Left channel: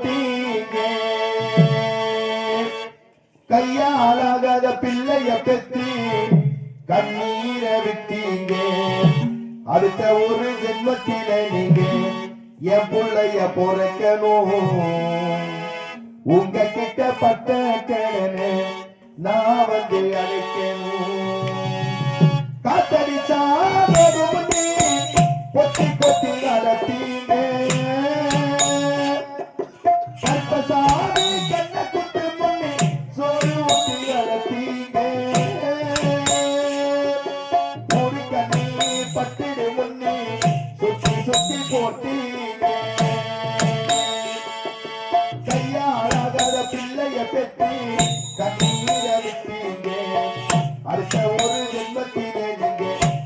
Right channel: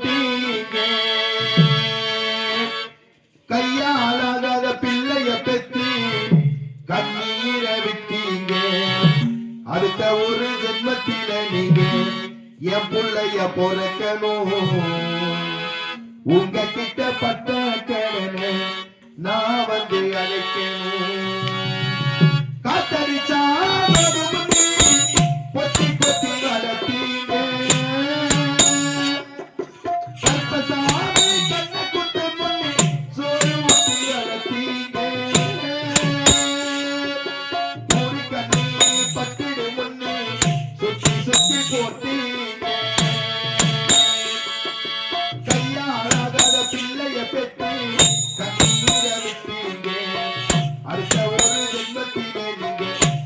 போட்டீங்க கையாலாகாத பிள்ளைய பெற்று கண்ணீரை விட்டீங்க அடுத்த ஒரு ஜென்மத்தில நீங்க என் புள்ளைய பொறக்கணும் உங்க கிட்ட பட்ட கடனை நான் வந்து அழைக்கணும் காத்தடிச்சா பொத்தி பொத்தி நடத்தீங்க கற்பசாமி கண்ண குட்டு முன்னே சோறு ஊட்டி அழைத்தீங்க ஒரு கண்ணே பத்திடு முன்னே சுத்தி சுத்தி போட்டீங்க கையாளாகாத பிள்ளைய பெற்று கண்ணீர்